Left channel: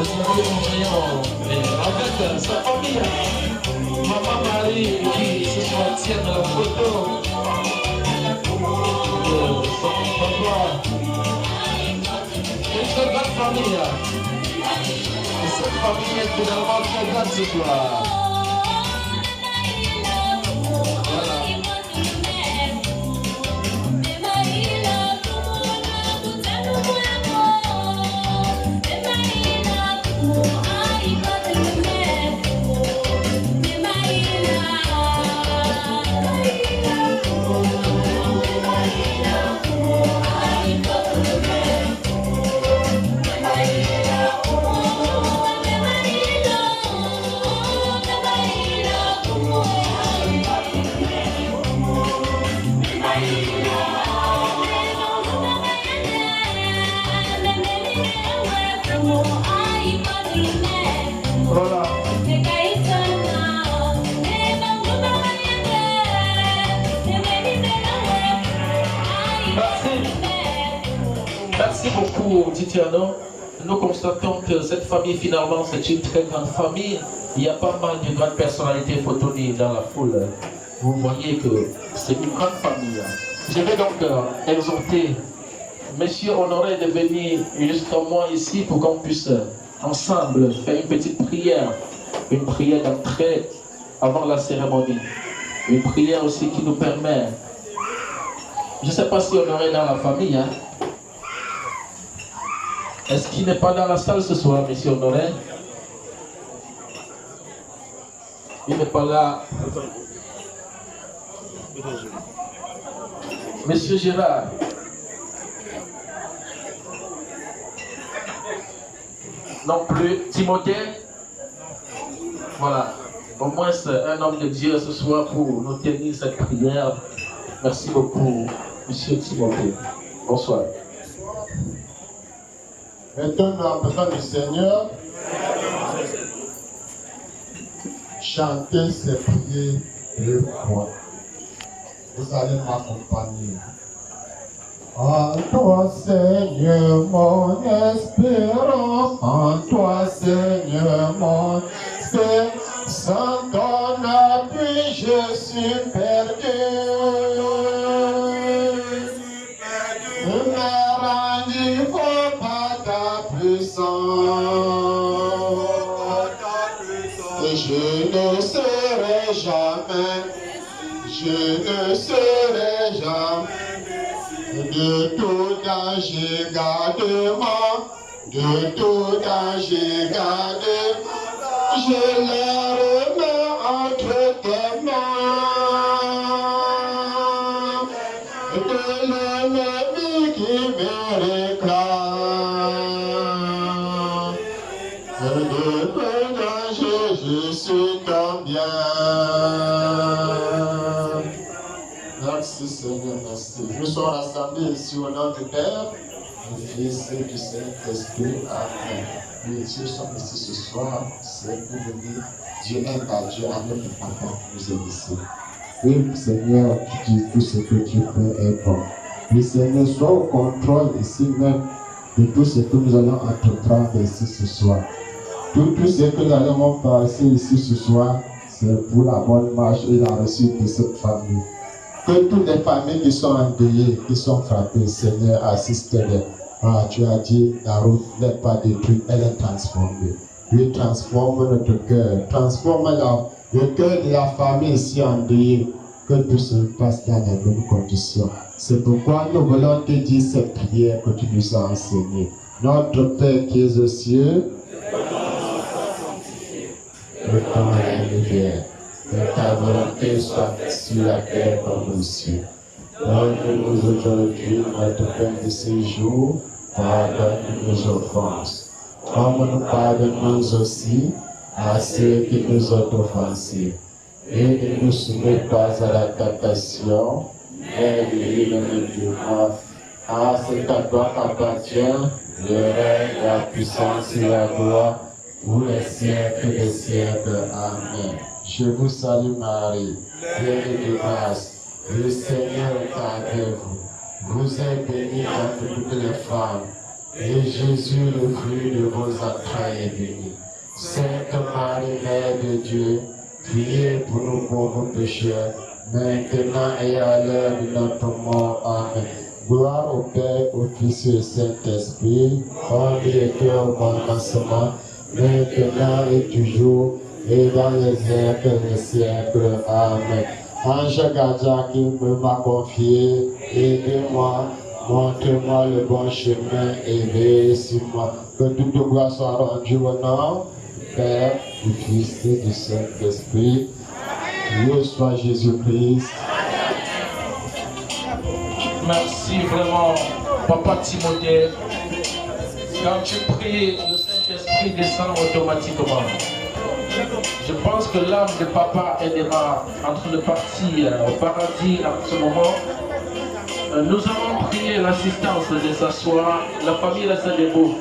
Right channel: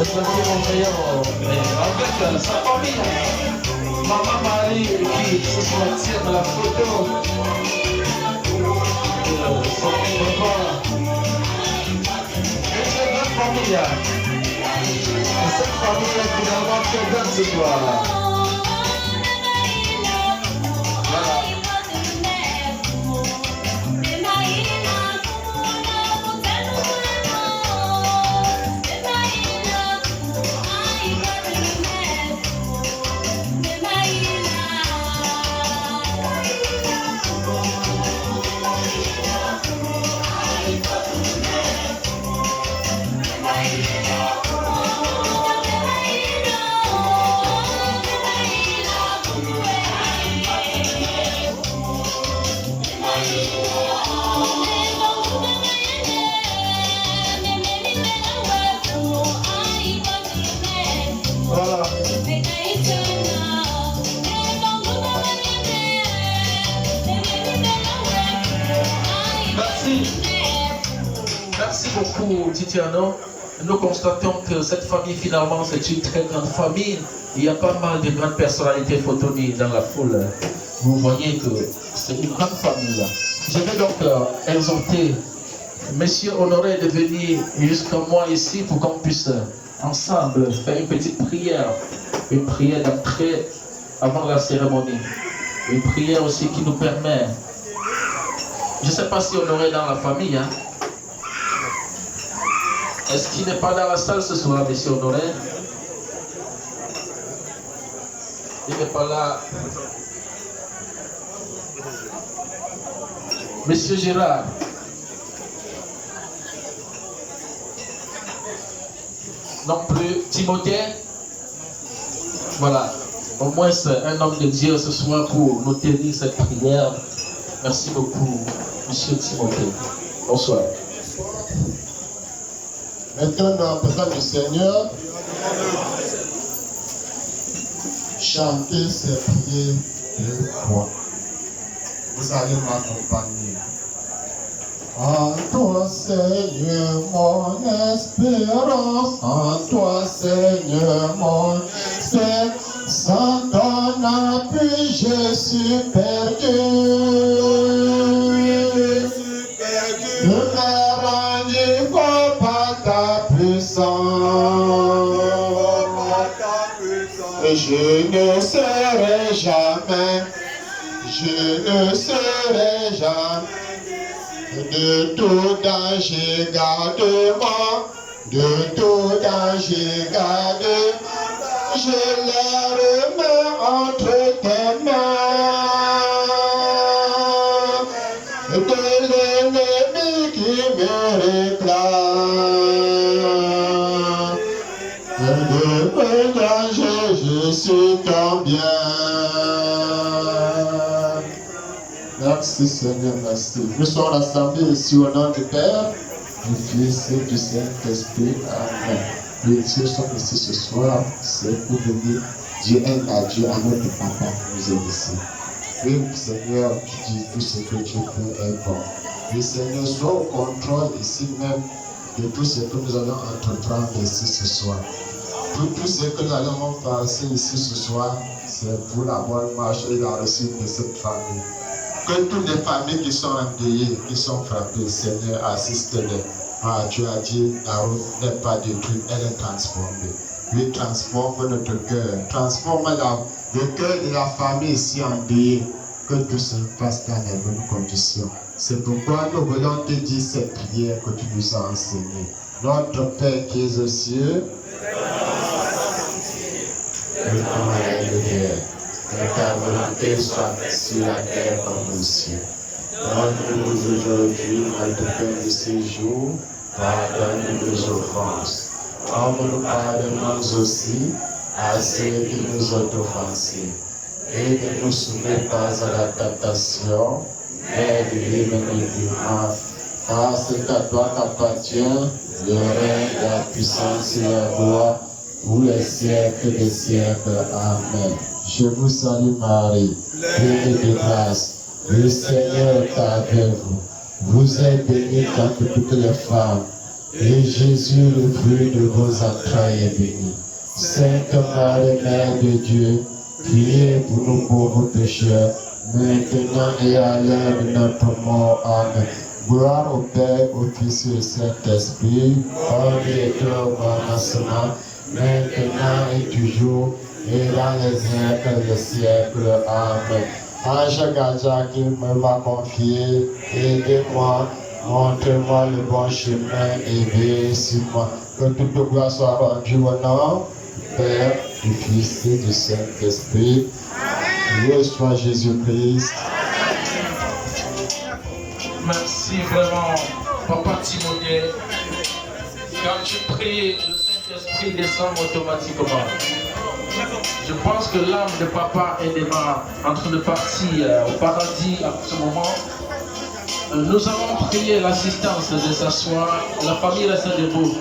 Avec sa famille, Maman Marie qui ce soir tient la photo de son papa. Une très grande famille. Et cette famille est finalement très grande ce soir. Merci beaucoup, Titiano. Nous constatons que cette famille, finalement, c'est une très grande famille. Il y a pas mal de grandes personnalités photonées dans la foule. Vous voyez que c'est une grande famille. Je vais donc exhorter Monsieur Honoré de venir jusqu'à moi ici pour qu'on puisse ensemble faire une petite prière. Une prière d'entrée avant la cérémonie. Une prière aussi qui nous permet... Je ne sais pas si Honoré est dans la famille, hein? Est-ce qu'il n'est pas dans la salle ce soir, Monsieur Honoré? Il n'est pas là. Monsieur Gérard. Non plus. Timothée. Voilà. Au moins c'est un homme de Dieu ce soir pour nous tenir cette prière. Merci beaucoup, Monsieur Timothée. Bonsoir. Maintenant, dans la présence du Seigneur, chantez ces prières 2 fois. Vous allez m'accompagner. En toi, Seigneur, mon espérance, en toi, Seigneur, mon espérance, sans ton appui, je suis perdu. Ne me renivre pas ta puissance, et je ne serai jamais, de tout danger, garde-moi, de tout danger, garde-moi, je les remets entre tes mains, de l'ennemi qui me réclame, de tout danger, je suis combien. Merci Seigneur, merci. Nous sommes rassemblés ici au nom du Père, du Fils et du Saint-Esprit. Amen. Les dieux sont ici ce soir, c'est pour venir Dieu aime à Dieu, à notre Papa, nous aime ici. Oui, Seigneur, tu dis tout ce que tu fais est bon. Oui, Seigneur, sois au contrôle ici même de tout ce que nous allons entreprendre ici ce soir. Tout ce que nous allons passer ici ce soir, c'est pour la bonne marche et la réussite de cette famille. Que toutes les familles qui sont endeuillées, qui sont frappées, Seigneur, assiste-les. Ah, tu as dit, la route n'est pas détruite, elle est transformée. Oui, transforme notre cœur, transforme le cœur de la famille ici endeuillée, que tout se passe dans les bonnes conditions. C'est pourquoi nous voulons te dire cette prière que tu nous as enseignée. Notre Père qui es aux cieux, le temps est levé. Que ta volonté soit faite sur la terre comme au ciel. Donne-nous aujourd'hui notre pain de ce jour. Pardonne-nous nos offenses, comme nous pardonnons aussi à ceux qui nous ont offensés. Et ne nous soumets pas à la tentation, mais délivre-nous du mal. Car c'est à toi qu'appartient le règne, la puissance et la gloire pour les siècles des siècles. Amen. Je vous salue Marie, pleine de grâce, le Seigneur est avec vous. Vous êtes bénie entre toutes les femmes, et Jésus, le fruit de vos entrailles, est béni. Sainte Marie, Mère de Dieu, priez pour nous pauvres pécheurs, maintenant et à l'heure de notre mort. Amen. Gloire au Père, au Fils et au Saint-Esprit, comme il était au commencement, maintenant et toujours, et dans les siècles des siècles. Amen. Ange gardien qui me m'a confié, aidez-moi, montrez-moi le bon chemin et veillez sur moi. Que toute gloire soit rendue au nom du Père, du Fils et du Saint-Esprit. Loué soit Jésus-Christ. Merci vraiment, Papa Timothée. Quand tu pries, le Saint-Esprit descend automatiquement. Je pense que l'âme de Papa est déjà en train de partir au paradis à ce moment. Nous allons prier l'assistance de s'asseoir. La famille reste debout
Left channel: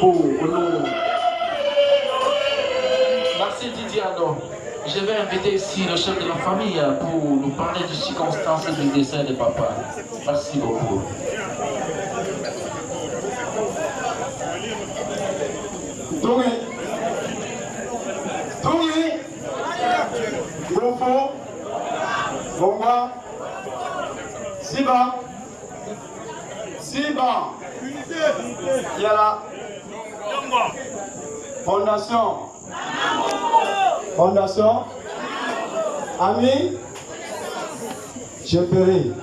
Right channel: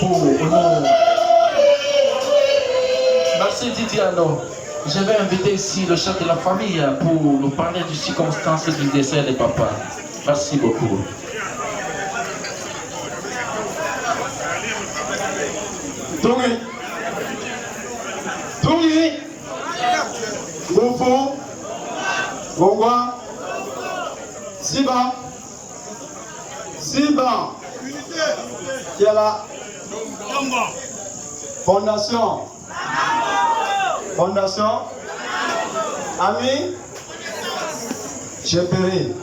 pour nous. Merci Didiano. Je vais inviter ici le chef de la famille pour nous parler des circonstances du décès de Papa. Merci beaucoup. Tungi, Gofo, Gongwa, Siba, qui est là. Fondation, Ami, Cheferi,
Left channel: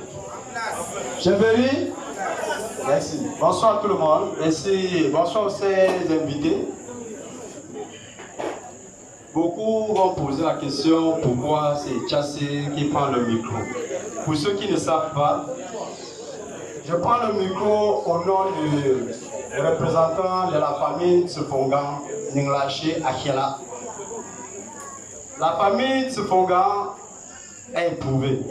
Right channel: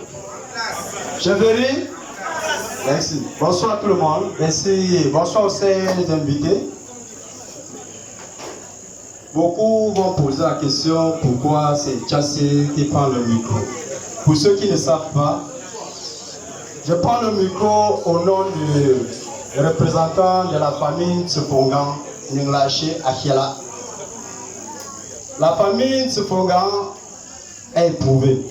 merci. Bonsoir tout le monde, merci. Bonsoir aux invités. Beaucoup vont poser la question pourquoi c'est Tchassé qui prend le micro. Pour ceux qui ne savent pas, je prends le micro au nom du représentant de la famille Tsepongan, Ninglaché Akiela. La famille Tsepongan est éprouvée.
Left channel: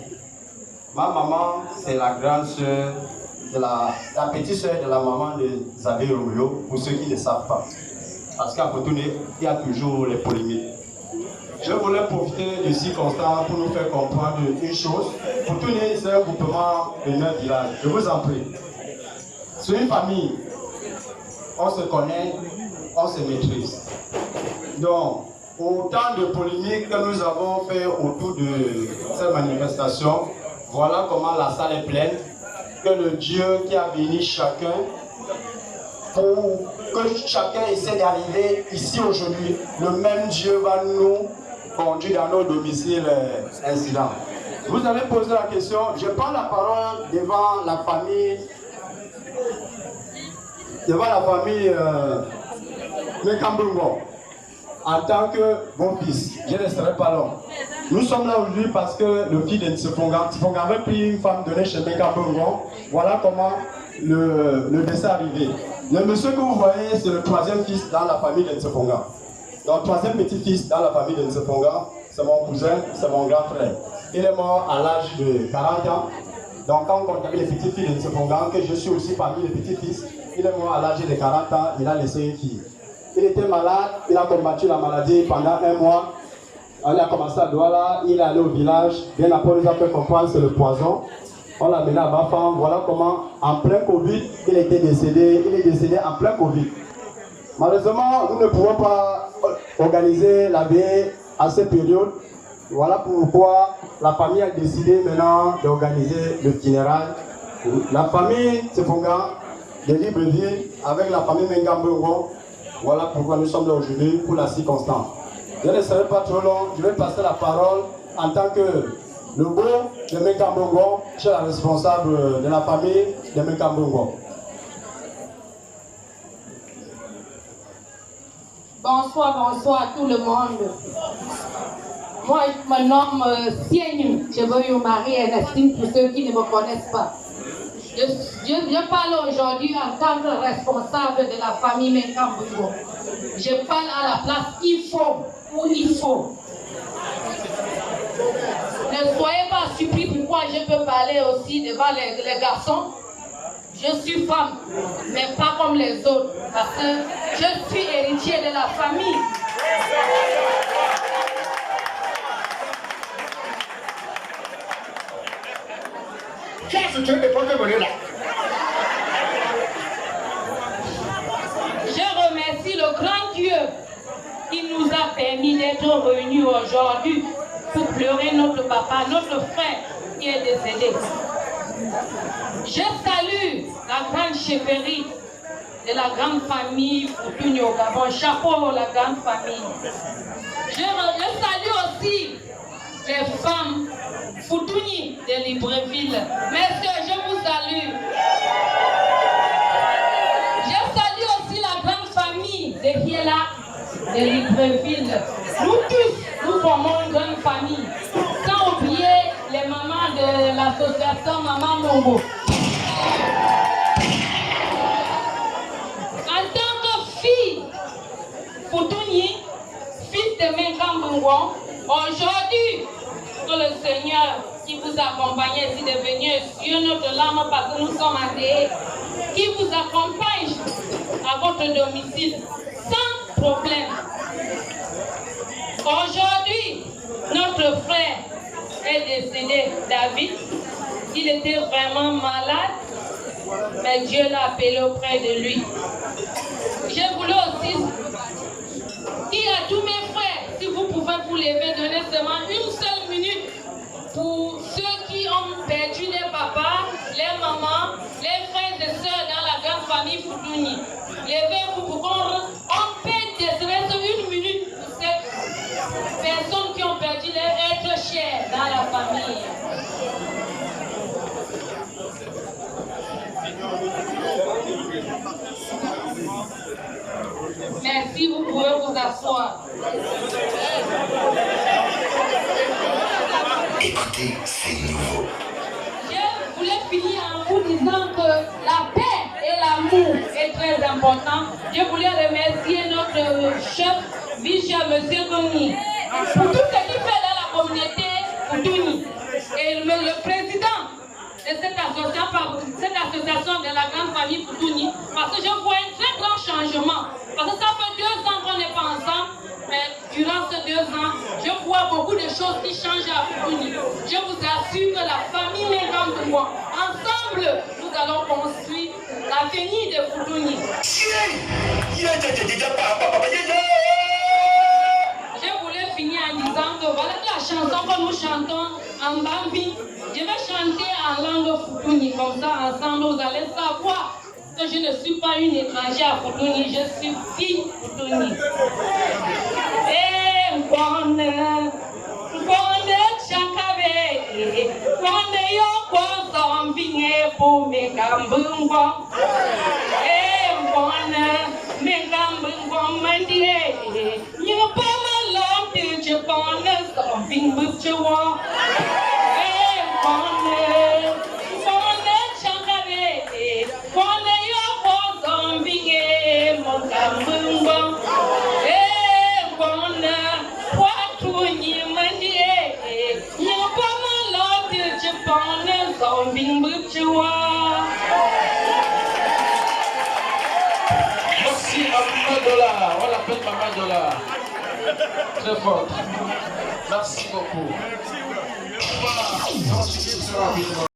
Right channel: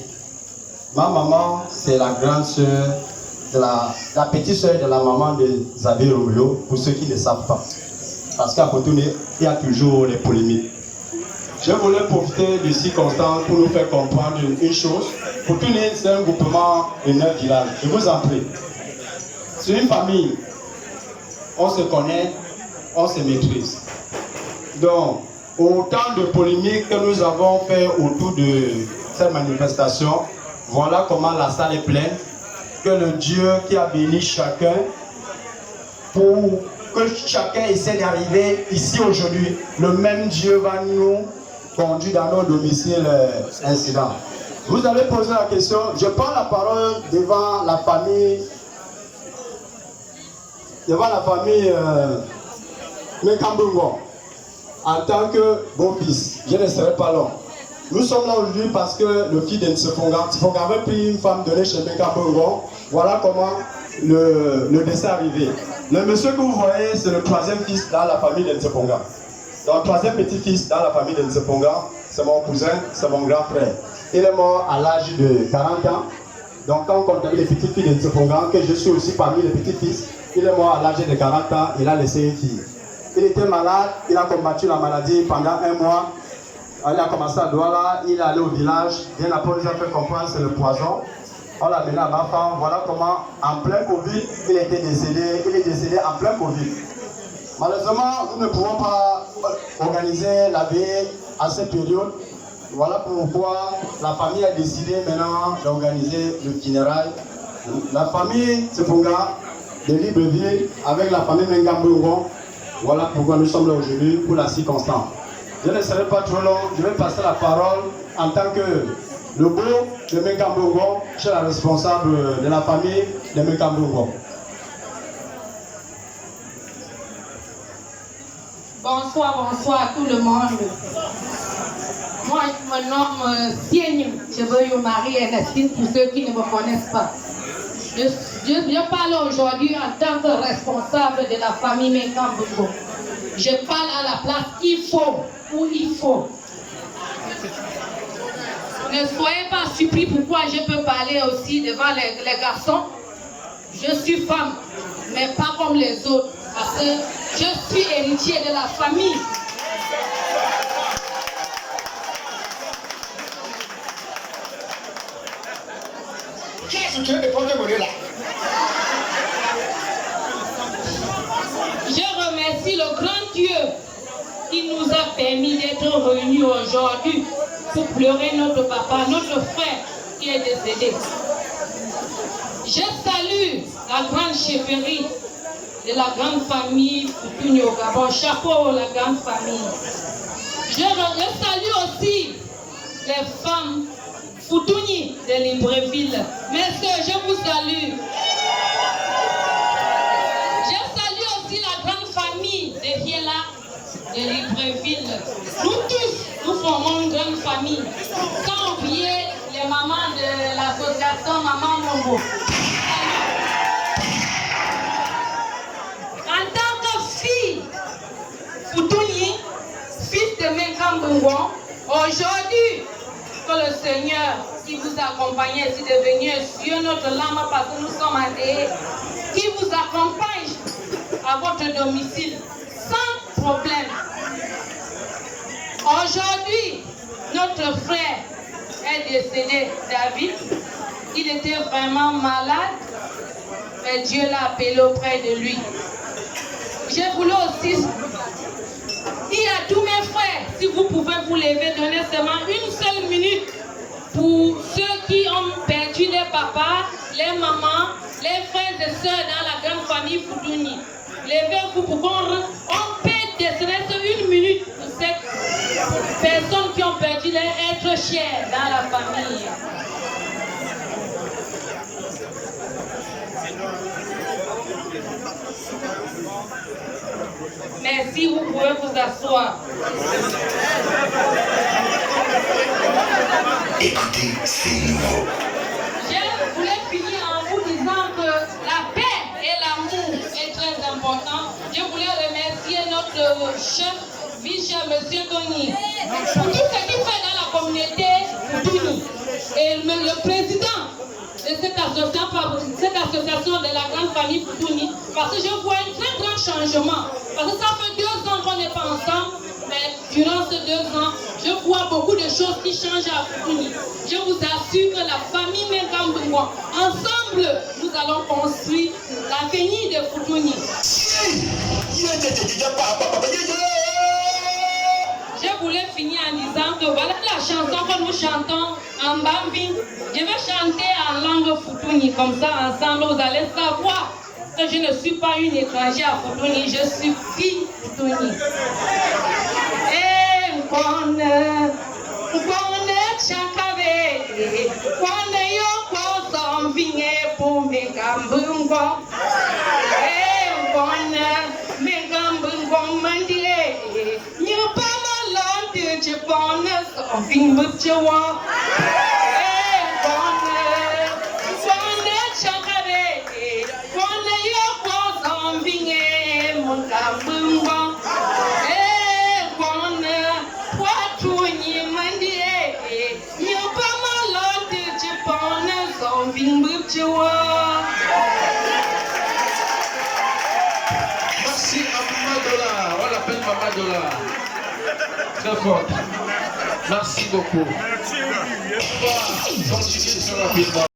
Ma maman, c'est la grande sœur, la petite sœur de la maman de Zabé Romeo, pour ceux qui ne savent pas. Parce qu'à Cotonou, il y a toujours les polémiques. Je voulais profiter de circonstances pour nous faire comprendre une chose. Cotonou, c'est un groupement de 9 villages. Je vous en prie. C'est une famille. On se connaît, on se maîtrise. Donc, autant de polémiques que nous avons fait autour de cette manifestation, voilà comment la salle est pleine. Que le Dieu qui a béni chacun pour que chacun essaie d'arriver ici aujourd'hui, le même Dieu va nous conduire dans nos domiciles incidents. Vous allez poser la question, je prends la parole devant la famille Mekambungo en tant que beau-fils. Je ne serai pas long. Nous sommes là aujourd'hui parce que le fils de Tsepongan avait pris une femme donnée chez Mekambungo. Voilà comment le décès est arrivé. Le monsieur que vous voyez, c'est le troisième fils dans la famille de Tsepongan. Donc, troisième petit-fils dans la famille de Tsepongan, c'est mon cousin, c'est mon grand frère. Il est mort à l'âge de 40 ans. Donc, quand on compte les petits-fils de Tsepongan, que je suis aussi parmi les petits-fils, il est mort à l'âge de 40 ans, il a laissé une fille. Il était malade, il a combattu la maladie pendant 1 mois. Il a commencé à Douala, il est allé au village. Bien après, on nous a fait comprendre que c'est le poison. On l'a mené à Bafan. Voilà comment, en plein Covid, il était décédé. Il est décédé en plein Covid. Malheureusement, nous ne pouvons pas organiser la veille à cette période. Voilà pourquoi la famille a décidé maintenant d'organiser le funérail. La famille Tseponga de Libreville avec la famille Mengambungo. Voilà pourquoi nous sommes là aujourd'hui pour la circonstance. Je ne serai pas trop long, je vais passer la parole en tant que le beau de Mekambongo, je suis la responsable de la famille de Mekambongo. Bonsoir à tout le monde. Moi, je me nomme Sienne, je veux Marie Ernestine pour ceux qui ne me connaissent pas. Je parle aujourd'hui en tant que responsable de la famille Mekambongo. Je parle à la place il faut, où il faut. Ne soyez pas surpris pourquoi je peux parler aussi devant les garçons. Je suis femme, mais pas comme les autres, parce que je suis héritier de la famille. Dieu qui nous a permis d'être réunis aujourd'hui pour pleurer notre papa, notre frère qui est décédé. Je salue la grande chefferie de la grande famille Foutouni au Gabon. Chapeau la grande famille. Je salue aussi les femmes Foutouni de Libreville. Messieurs, je vous salue. Je salue aussi la grande famille de Hiela de Libreville. Nous tous, nous formons une grande famille. Sans oublier les mamans de l'association Maman Mongo. En tant que fille Foutouni, fils de Menkambungwan, aujourd'hui, que le Seigneur qui vous accompagne ici de venir sur notre lame parce que nous sommes athées, qui vous accompagne à votre domicile sans problème. Aujourd'hui, notre frère est décédé, David. Il était vraiment malade, mais Dieu l'a appelé auprès de lui. Je voulais aussi dire à tous mes frères, si vous pouvez vous lever, donner seulement une seule minute pour ceux qui ont perdu les papas, les mamans, les frères et sœurs dans la grande famille Foutouni. Levez-vous pour qu'on peut décéder une minute pour ces personnes qui ont perdu leur être chers dans la famille. Merci, vous pouvez vous asseoir. Écoutez, c'est nouveau. Je voulais finir en vous disant que la paix et l'amour est très important. Je voulais remercier notre chef, vice-chef, M. Tony, pour tout ce qu'il fait dans la communauté Foutouni. Et le président de cette association de la grande famille Foutouni, parce que je vois un très grand changement. Parce que ça fait 2 ans qu'on n'est pas ensemble, mais durant ces 2 ans, je vois beaucoup de choses qui changent à Foutouni. Je vous assure que la famille Menkambungwan, ensemble, nous allons construire l'avenir de Foutouni. Je voulais finir en disant que voilà la chanson que nous chantons en Bambi. Je vais chanter en langue Foutouni, comme ça ensemble vous allez savoir que je ne suis pas une étrangère à Foutouni, je suis fille Foutouni. Et bonne chankave, bonne yoko zombine pour Menkambungwan. Et bonne Menkambungwan mandire, n'y pas malade, je bonne zombine butchewa. Merci à Madola, on l'appelle Madola. Très fort. Merci beaucoup. Merci. Continuez très rapidement.